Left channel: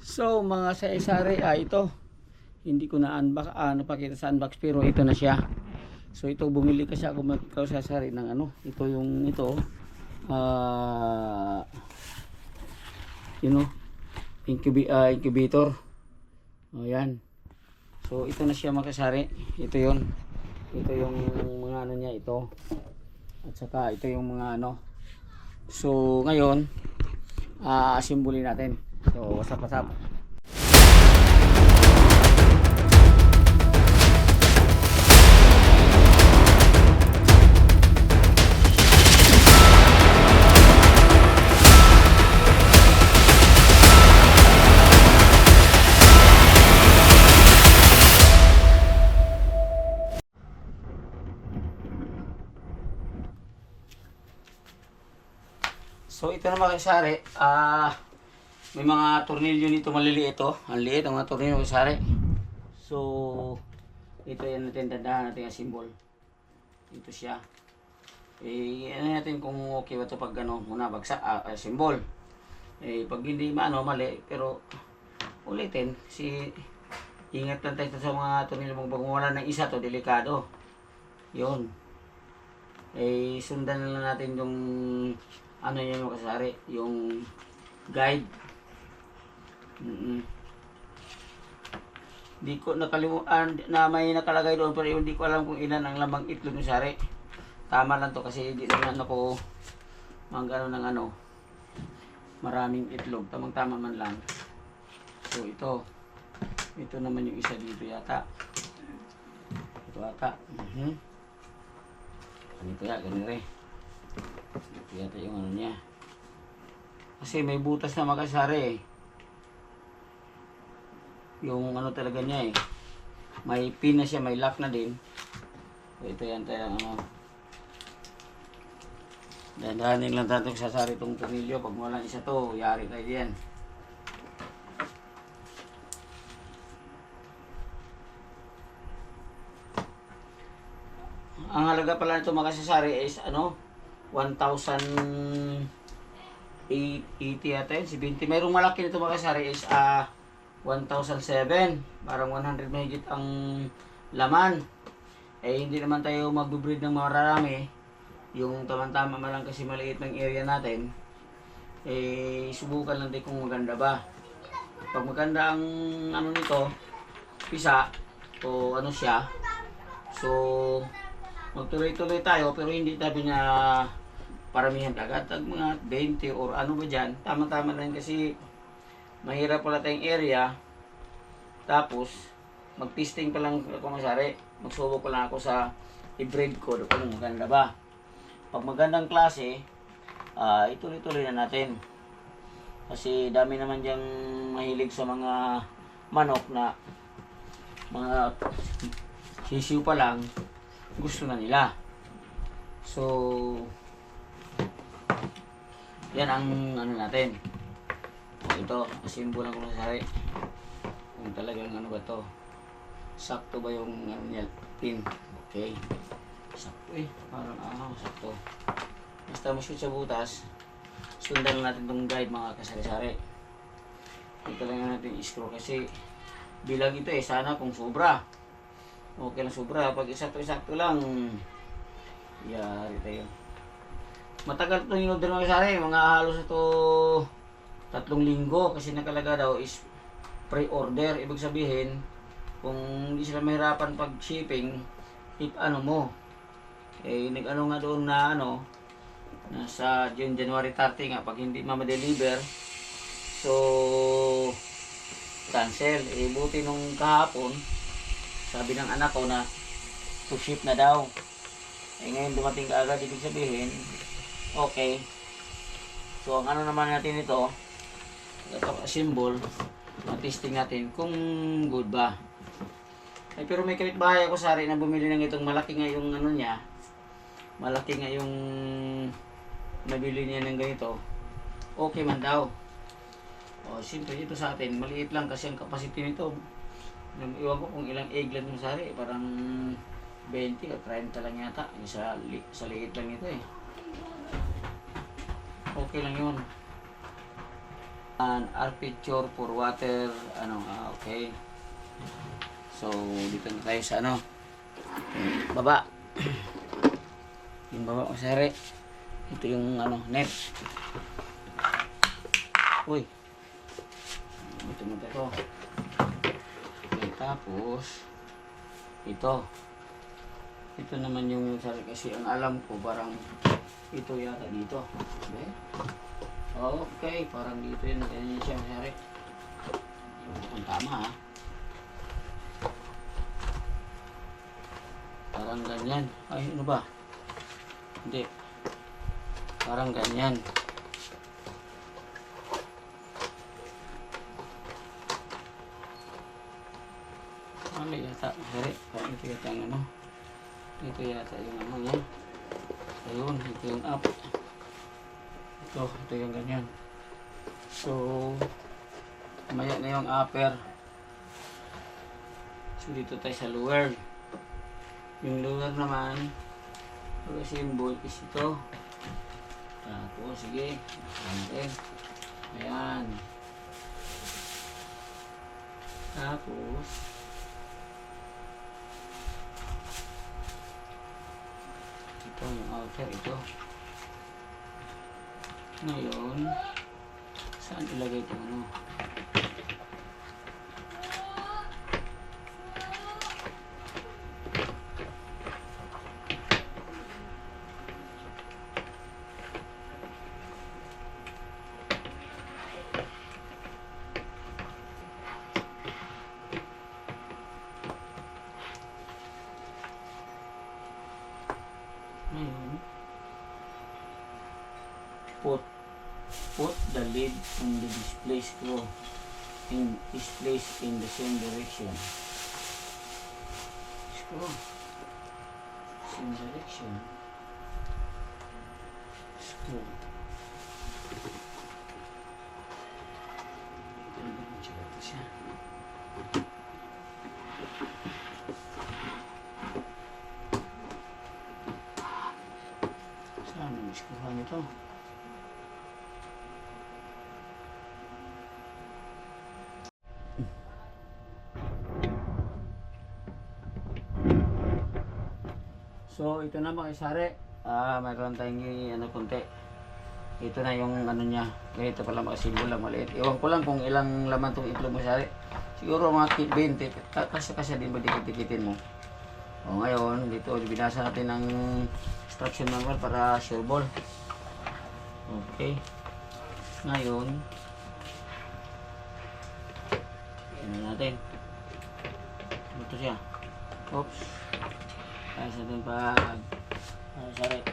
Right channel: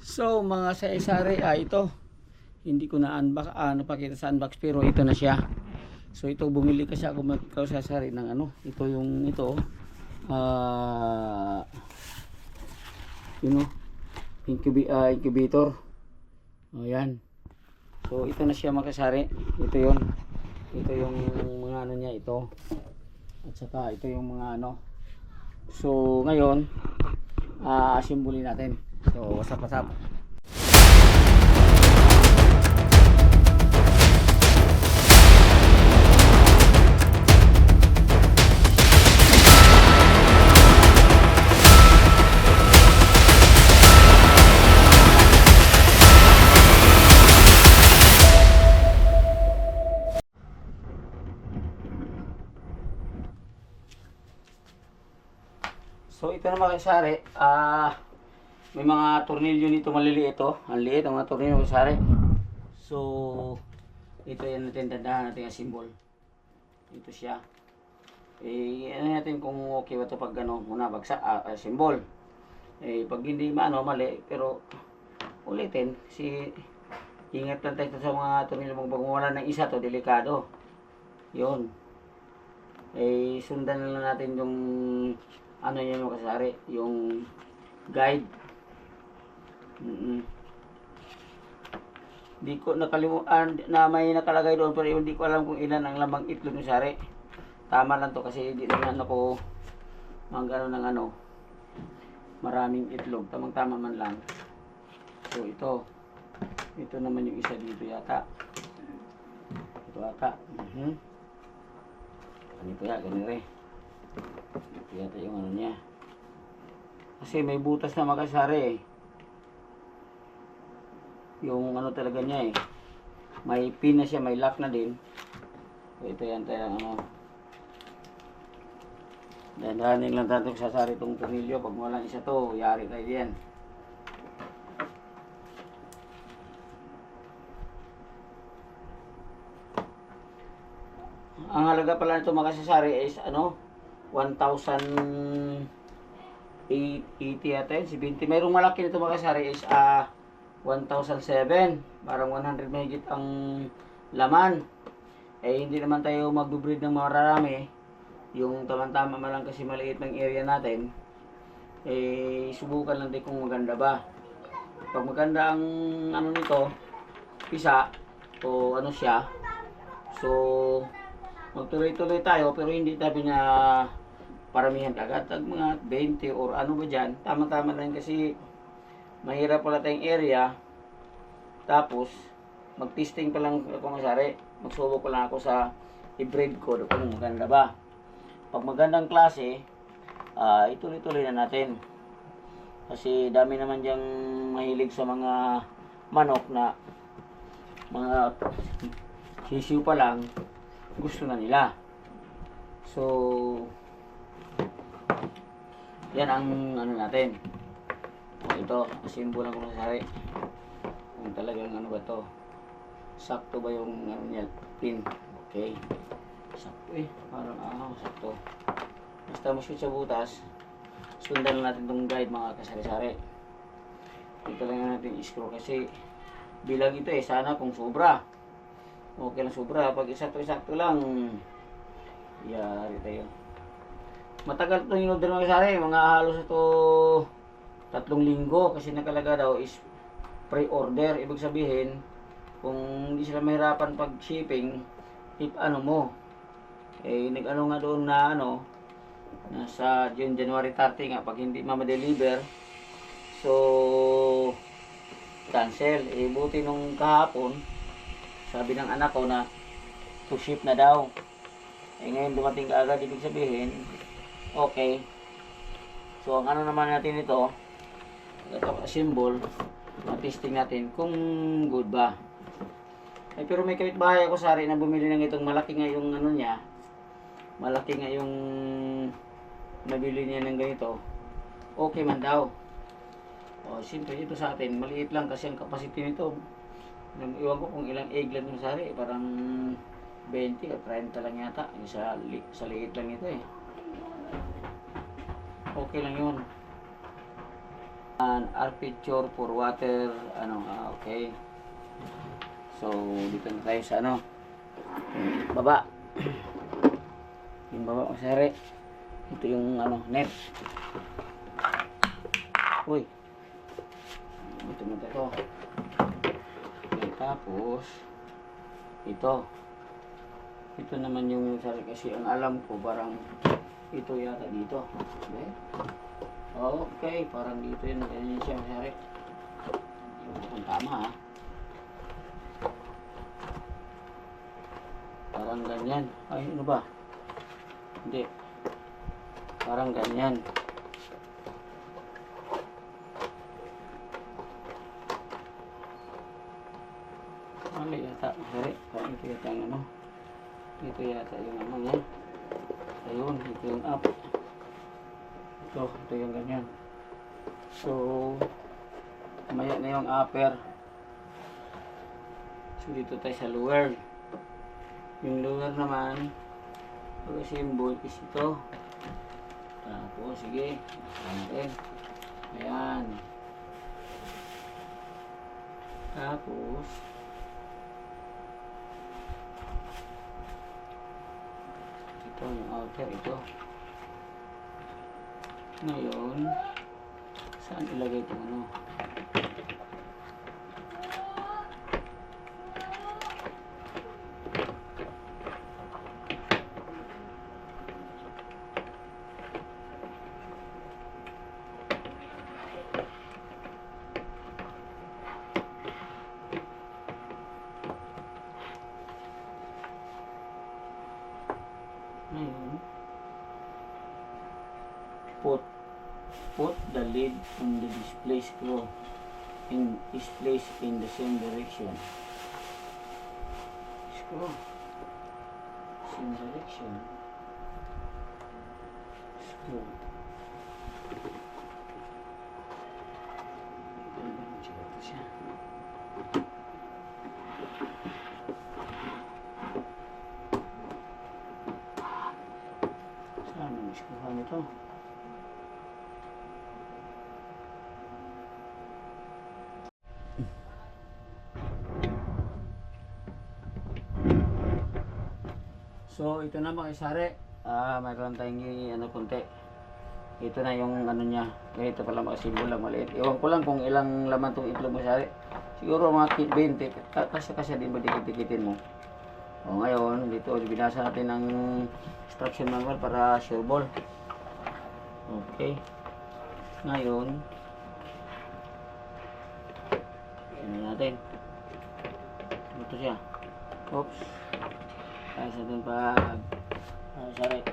So mga sari-sari, ito hindi ko na unbox, napakita sa unbox, pero ito na siya. So ito, bumili kasi ako magkasari ng ano, ito yung ito, you know, incubator. O yan. So ito na siya makasari. Ito yun. Ito yung mga ano niya ito. At saka ito yung mga ano. So ngayon, asimbulin natin. So what's up? So ito na mga kasari, may mga tornilyo nito maliliit ito. Ang liit ang mga tornilyo kasari. So ito yan natin, dandahan natin ang symbol. Ito siya. Ano natin kung okay ba ito pag ano, muna bagsak, symbol. Pag hindi mali, pero ulitin, ingat lang tayo sa mga tornilyo. Pag wala ng isa to, delikado. Yun. Sundan na lang natin yung ano yan mga kasari, yung guide. Di ko nakalimutan na may nakalagay doon, pero hindi ko alam kung ilan ang lamang itlog ng sari. Tama lang to kasi hindi naman ako mag-ano ng ano, maraming itlog, tamang tama man lang. So ito naman yung isa dito yata. Ito ata. Ganito ya, ganito ito yata yung ano niya. Kasi may butas na makasari yung ano talaga niya may pin na siya, may lock na din. So ito yan tayo ano. Dandahanin lang tayo sasari itong tornilyo. Pag walang isa to, yari tayo diyan. Ang halaga pala nito makasasari is ano, 1,080 yata yun, 70. Mayroong malaki nito makasari is 1,007. Parang 100 mahigit ang laman. Hindi naman tayo mag-breed ng marami. Yung tamang-tama man lang kasi maliit ng area natin. Subukan lang din kung maganda ba. Pag maganda ang ano nito, pisa o ano siya, so magtuloy-tuloy tayo, pero hindi tabi na paramihan agad, mga 20 or ano ba dyan. Tama-tama lang kasi mahirap pala tayong area. Tapos mag-testing pa lang ako masari, magsubok pa lang ako sa i-breed ko kung maganda ba. Pag magandang klase, ituloy-tuloy na natin. Kasi dami naman diyang mahilig sa mga manok na mga sisiw pa lang, gusto na nila. So yan ang ano natin. Ito, asimbolan ko na sari kung talagang ano ba to, sakto ba yung ano niya, pin. Okay, sakto parang sakto. Basta mo shoot sa butas, sundan lang natin tong guide mga kasari-sari. Ito lang natin i-screw kasi bilang ito sana kung sobra okay lang, sobra. Pag isakto lang, yari tayo. Matagal itong in-order mga kasari, mga halos ito 3 linggo kasi nakalaga daw is pre-order. Ibig sabihin, kung hindi sila mahirapan pag shipping, if ano mo, nag-ano nga doon na ano, nasa January 30 nga, pag hindi ma-deliver, so cancel. Buti nung kahapon, sabi ng anak ko na to ship na daw. Ngayon dumating ka agad, ibig sabihin okay. So ang ano naman natin ito symbol, testing natin kung good ba. Pero may kapitbahay ako sari na bumili ng itong malaki nga yung ano niya, malaki nga yung nabili niya ng ganito, okay man daw. Siyempre ito sa atin maliit lang kasi ang capacity nito, iwan ko kung ilang egg lang yung sari, parang 20 o 30 lang yata. Sa liit lang ito okay lang yun. Aperture for water, okay. So, dito na tayo sa baba. Yung baba masari. Ito yung net. Uy. Ito na tayo. Okay, tapos ito. Ito naman yung masari kasi ang alam ko parang ito yata dito. Okay? Okay, parang dito yun. Ganyan siya masari. Ang tama ha. Parang ganyan. Ay, ano ba? Hindi. Parang ganyan. Ano yata? Sorry. Parang ito yata yung Ito yata yung niya. Ayun, ito yung up. Ito yung ganyan. So, maya na yung upper. So, dito tayo sa lower. Yung lower naman, pag-symbol is ito. Tapos, sige. Natin. Ayan. Tapos, ito yung outer, ito. Ngayon, saan ilagay ito Ngayon, put the lid on the display screw is placed in the same direction. Screw. Same direction. Screw. Ito siya. Saan ang screwhan nito? So, ito na mga isari. Mayroon tayong konti. Ito na yung niya. Ito pala mga simbol lang maliit. Iwan ko lang kung ilang laman itong itlog mo isari. Siguro mga 20. Kasi din ba dikit-dikitin mo. O ngayon, dito binasa natin ng instruction manual para sure ball. Okay. Ngayon, ano natin. Ito siya. Oops. Ayos natin pag sorry.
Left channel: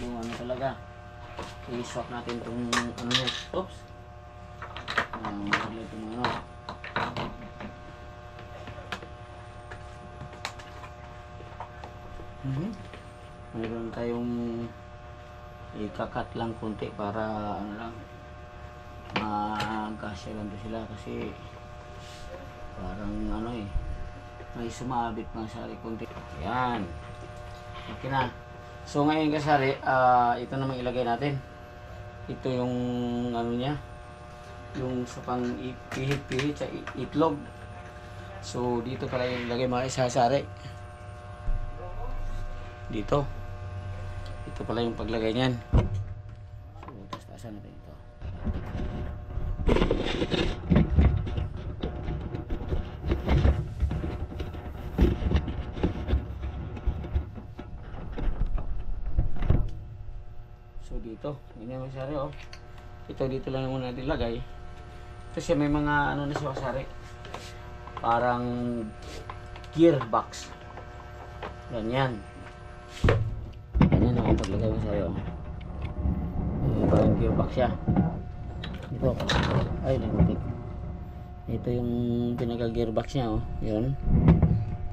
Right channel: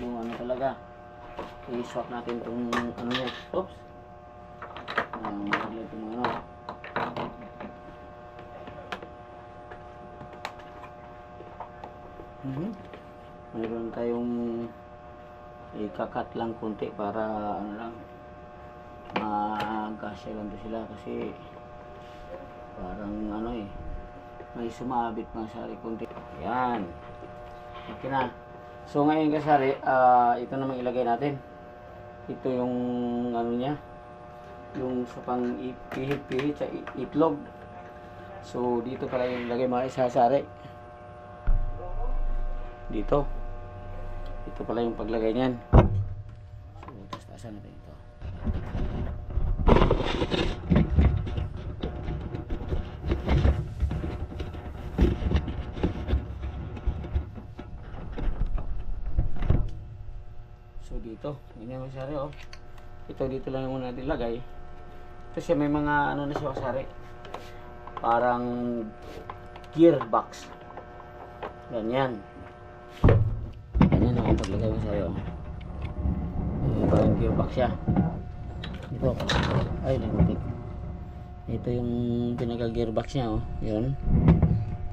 Yung talaga. I-swap natin itong niya. Oops. Magaglag itong mayroon tayong ikakat lang konti para lang magkasya lang sila kasi parang may sumabit mga sari konti. Yan. Okay na. So ngayon kasari, ito namang ilagay natin. Ito yung niya. Yung sa pang pihit-pihit sa itlog. So dito pala yung ilagay mga isasari. Dito. Ito pala yung paglagay niyan. So taas-taasan natin ito. So dito, ganyan mga sari Ito dito lang muna natin lagay. Ito siya may mga na siya sari. Parang gearbox. Ganyan. Ganyan ako paglagay mo sa'yo. Parang gearbox siya. Ito. Ay, nagutik. Ito yung pinaka-gearbox niya Yun.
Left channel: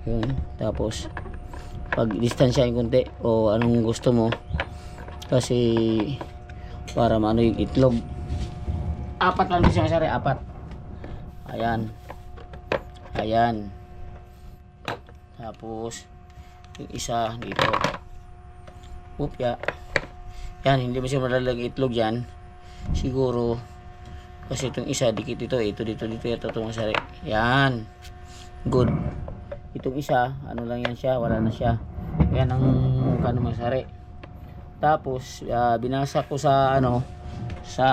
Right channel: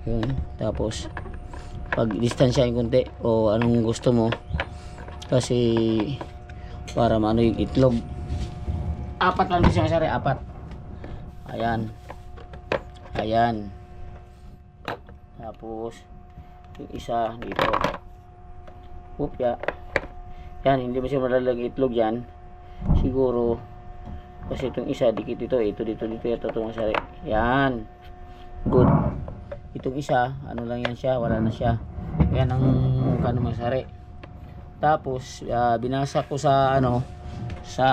Yun. Tapos pag distansya yung kunti o anong gusto mo kasi para maano yung itlog. 4 lang siya sari, 4. Ayan. Ayan. Tapos yung isa dito. Upya. Yan, hindi ba siya malalagay itlog yan? Siguro, kasi itong isa, dikit ito, ito dito, ito mga sari. Yan. Good. Itong isa, ano lang yan siya, wala na siya. Yan ang kano mga sari. Tapos, binasa ko sa, sa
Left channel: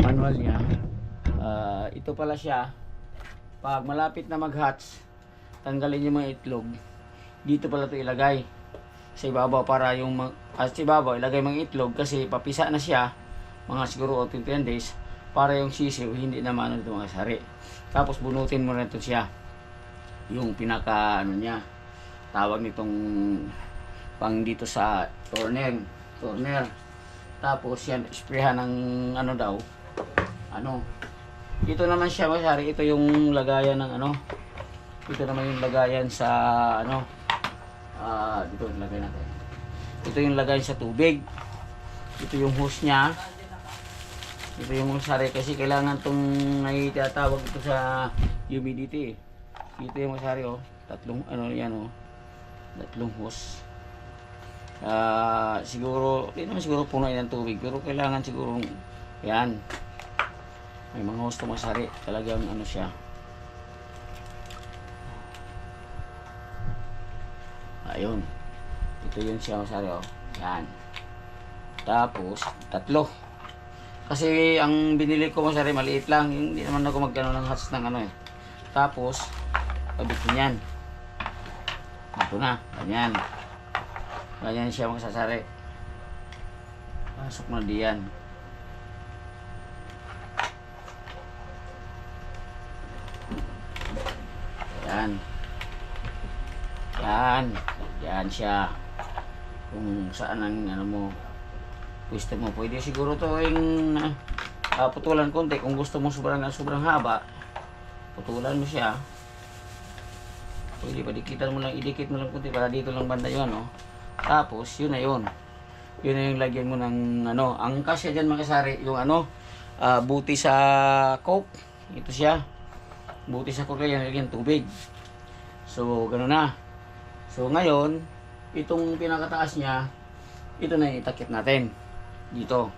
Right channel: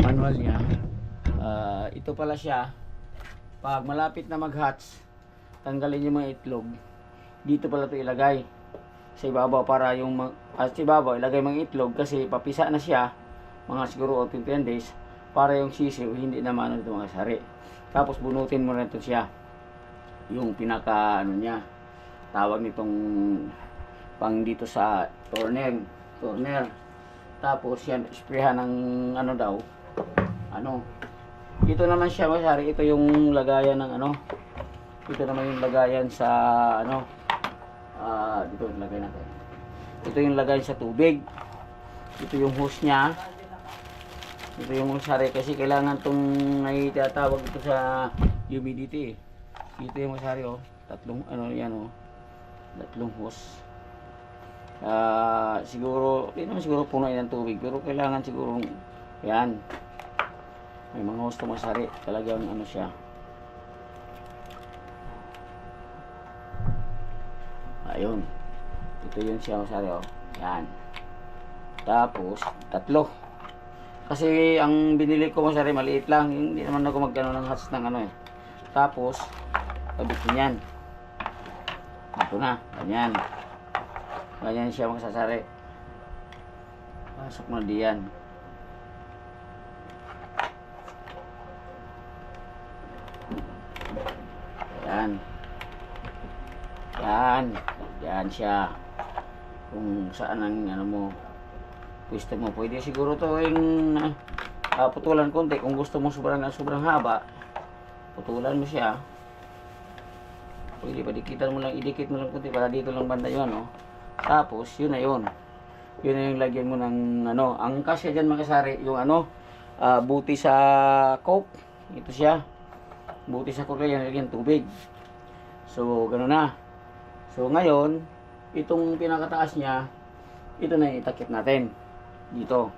manual niya. Ito pala siya. Pag malapit na mag-hatch, tanggalin yung mga itlog. Dito pala ito ilagay. Sa ibabaw para yung sa ibabaw ilagay mga itlog kasi papisa na siya mga siguro 10 days para yung sisiw hindi na maano dito mga sari. Tapos bunutin mo na ito siya yung pinaka niya tawag nitong pang dito sa corner. Tapos yan sprayhan ng ito naman siya mga sari, ito yung lagayan ng ito naman yung lagayan sa dito yung lagay natin. Ito yung lagay sa tubig. Ito yung hose niya. Ito yung sari kasi kailangan tong ay tinatawag ito sa humidity. Ito yung sari tatlong tatlong hose. Siguro hindi naman siguro puno ng tubig pero kailangan siguro yan. May mga hose to masari. Talagang siya. Ayun. Ito yun siya masari Yan. Tapos, tatlo. Kasi ang binili ko masari maliit lang. Hindi naman ako magkano ng hats ng Tapos, pabitin yan. Ito na. Ganyan. Ganyan siya magsasari. Pasok na diyan. Yan. Yan. Yan siya. Kung saan ang mo gusto mo. Pwede siguro to yung putulan konti. Kung gusto mo sobrang haba, putulan mo siya. Pwede pa dikitan mo lang, idikit mo lang konti para dito lang banda yun, Tapos, yun na yun. Yun na yung lagyan mo ng ang kasya dyan makasari, yung buti sa coke. Ito siya. Buti sa coke yan, lagyan tubig. So, gano'n na. So, ngayon, itong pinakataas niya, ito na yung itakip natin. Dito.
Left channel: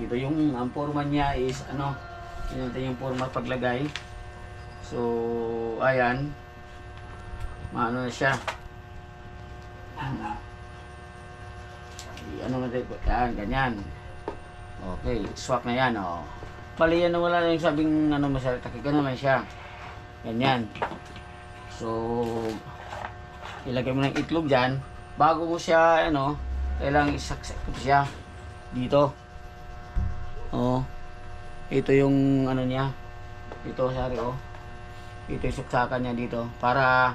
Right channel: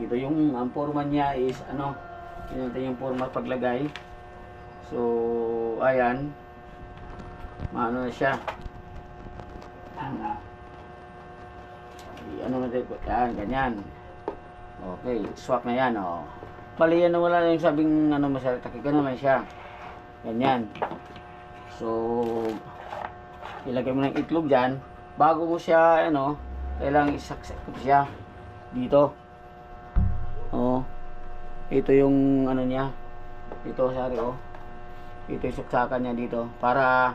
Dito yung ang forma niya is yun natin yung forma paglagay. So, ayan. Maano na siya. Natin po. Yan, ganyan. Okay, swak na yan, Bali yan na wala na yung sabing masarap. Takik naman siya. Ganyan. So, ilagay mo ng itlog dyan. Bago mo siya, kailangan isaksak ko siya. Dito. Ito yung niya. Ito, sorry, Ito yung saksakan niya dito. Para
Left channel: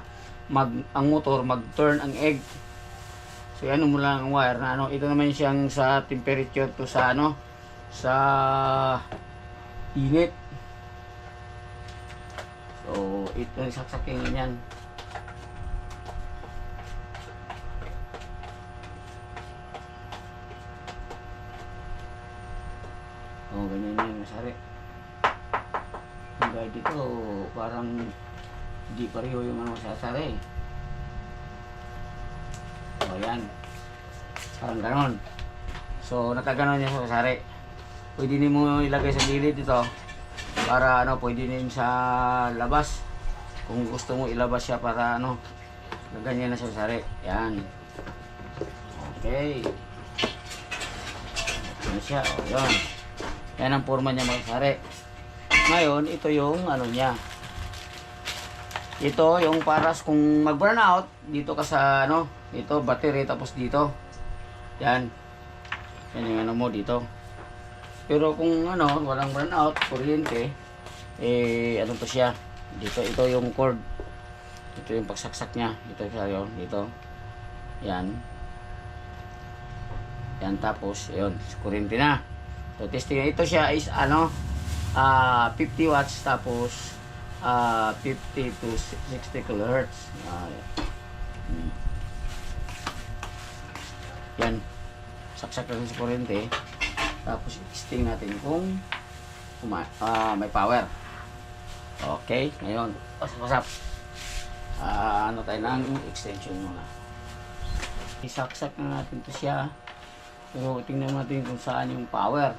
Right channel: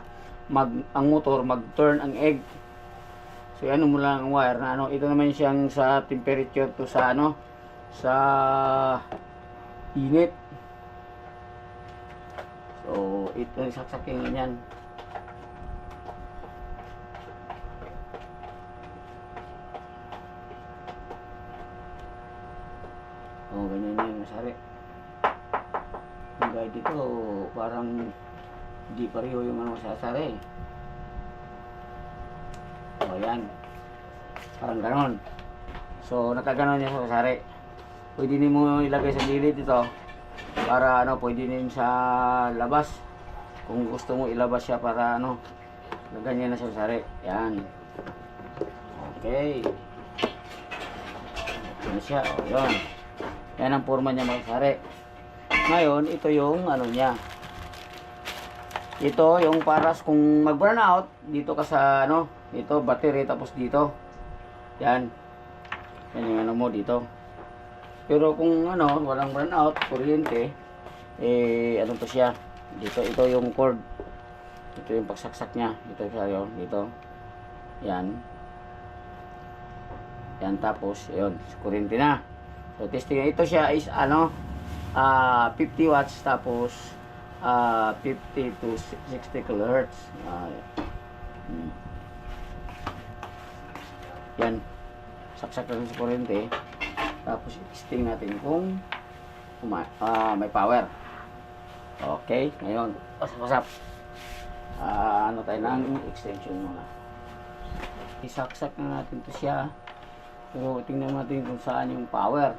ang motor mag-turn ang egg. So, mo lang ang wire na ito naman siyang sa temperature to sa sa init. So, ito yung saksakin ganyan. Ganyan yung masari. Yung guide dito, parang hindi pareho yung masasari. Yan. Parang ganon. So, nakaganon niya sa masari. Pwede din mo ilagay sa gilid dito. Para pwede din sa labas. Kung gusto mo ilabas siya para ganyan na sa masari. Yan. Okay. Ito na siya. Yan. Yan ang forma niya mga sari. Ngayon, ito yung niya. Ito yung paras kung mag-burn out, dito ka sa dito battery tapos dito. Yan. Yan yung mo dito. Pero kung walang burn out, kuryente, to siya. Dito ito yung cord. Ito yung pagsaksak niya. Ito siya dito. Yan. Yan tapos, yun, kuryente na. So, testing ito siya is 50 watts tapos 50 to 60 kHz. Yan. Saksak natin sa kuryente. Tapos, testing natin kung may power. Okay. Ngayon, pasap-pasap. Tayo ng extension muna. Isaksak na natin to siya. Pero tingnan natin kung saan yung power.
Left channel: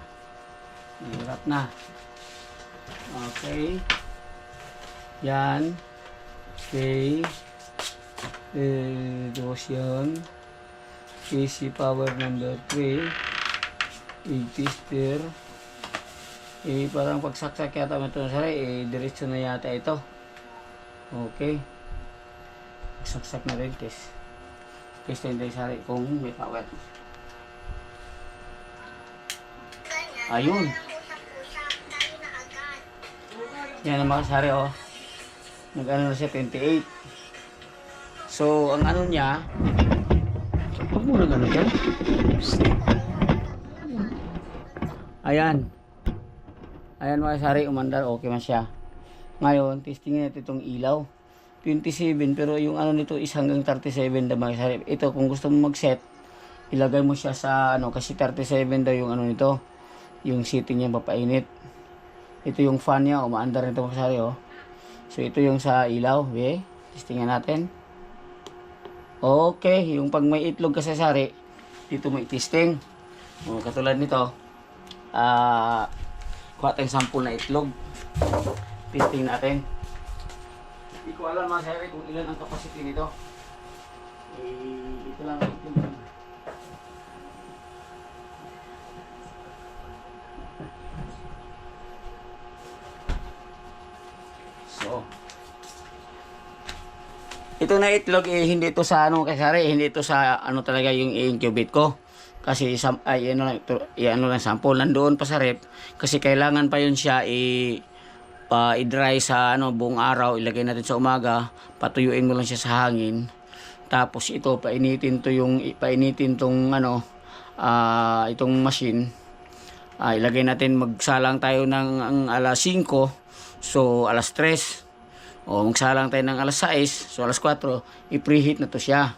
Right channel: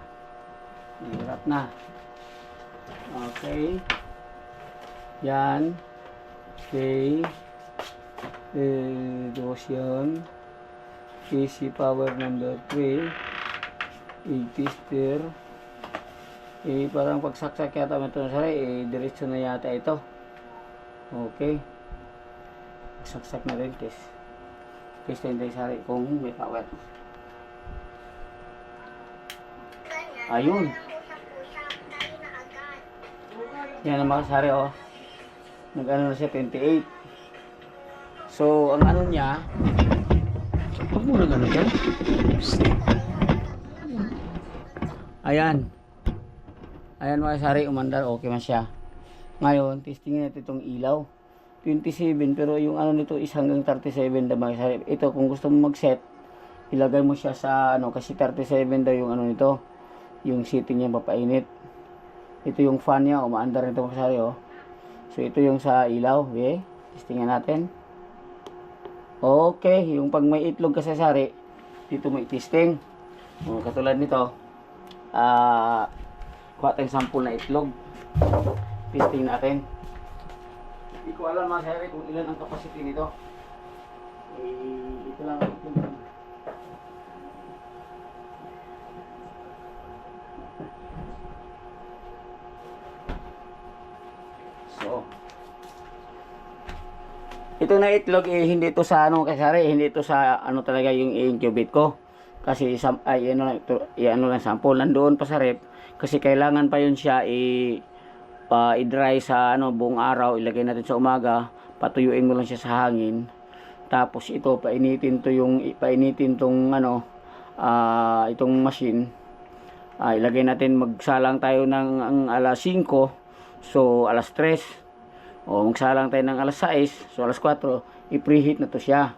Hirap na. Okay. Yan. Okay. Dos yan. AC power number 3. Tester. Parang pagsaksak yata ito na sari. Diretso na yata ito. Okay. Pagsaksak na rin. Test na rin sari kung may power. Ayun. Yan ang makasari oh. Nag-ano na siya 28. So ang ano niya, huwag mo nag-ano siya. Ayan. Ayan makasari, umandar, okay man siya. Ngayon, testingin natin itong ilaw. 27 pero yung ano nito is hanggang 37 na makasari. Ito kung gusto mo mag-set, ilagay mo siya sa ano kasi 37 daw yung ano nito. Yung setting niya papainit. Ito yung fan niya, umaandar nito makasari oh. So ito yung sa ilaw, okay? Testingin natin. Okay, yung pag may itlog kasi sari, dito mo i-testing. O, katulad nito. Kuha tayong sample na itlog. Testing natin. Hindi ko alam mga sari kung ilan ang capacity nito. Ito lang ang itlog. So, ito na itlog hindi ito sa ano kasari, hindi ito sa ano talaga yung i-incubate ko. Kasi ay ano lang ito, ano lang sample nandoon pa sa rep kasi kailangan pa yun siya i-dry sa ano buong araw, ilagay natin sa umaga, patuyuin mo lang siya sa hangin. Tapos ito painitin tong ano itong machine. Ilagay natin, magsalang tayo ng alas 5. So alas 3. O magsalang tayo ng alas 6, so alas 4, i-preheat na to siya.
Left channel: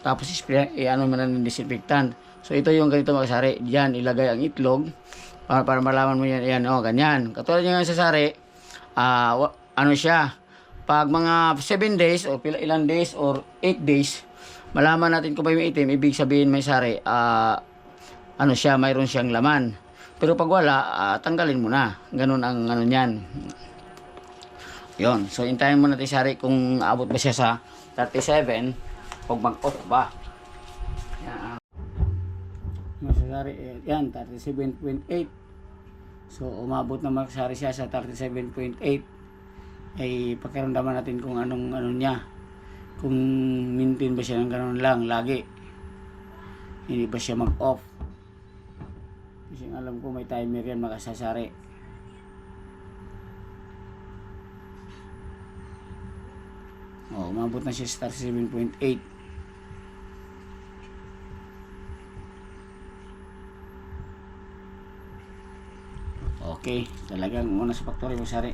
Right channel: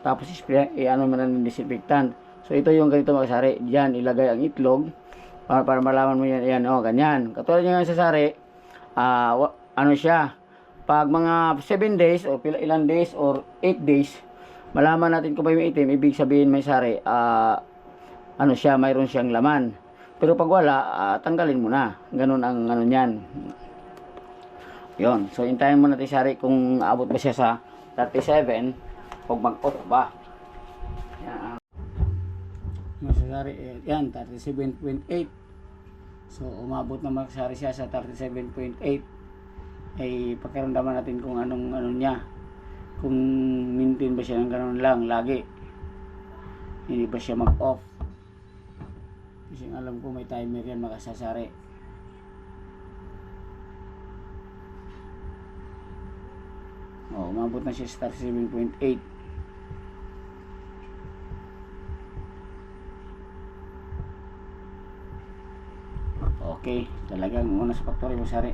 Tapos ano man ng disinfectant. So ito yung ganito makasari. Diyan ilagay ang itlog para malaman mo yan. Ayan, oh, ganyan. Katulad niya sa sari, ano siya, pag mga 7 days o ilang days or 8 days, malaman natin kung may itim, ibig sabihin may sari, ano siya, mayroon siyang laman. Pero pag wala, tanggalin mo na. Ganun ang ano niyan. Yon. So, intayin mo natin sari kung abot ba siya sa 37 o mag-off ba. Yan. Masasari, yan, 37.8. So, umabot na masasari siya sa 37.8. Ay, pakiramdaman natin kung anong ano niya. Kung maintain ba siya ng ganun lang, lagi. Hindi ba siya mag-off. Kasi alam ko may timer yan makasasari. Umabot na siya sa 37.8. Okay, talagang una sa factory masari.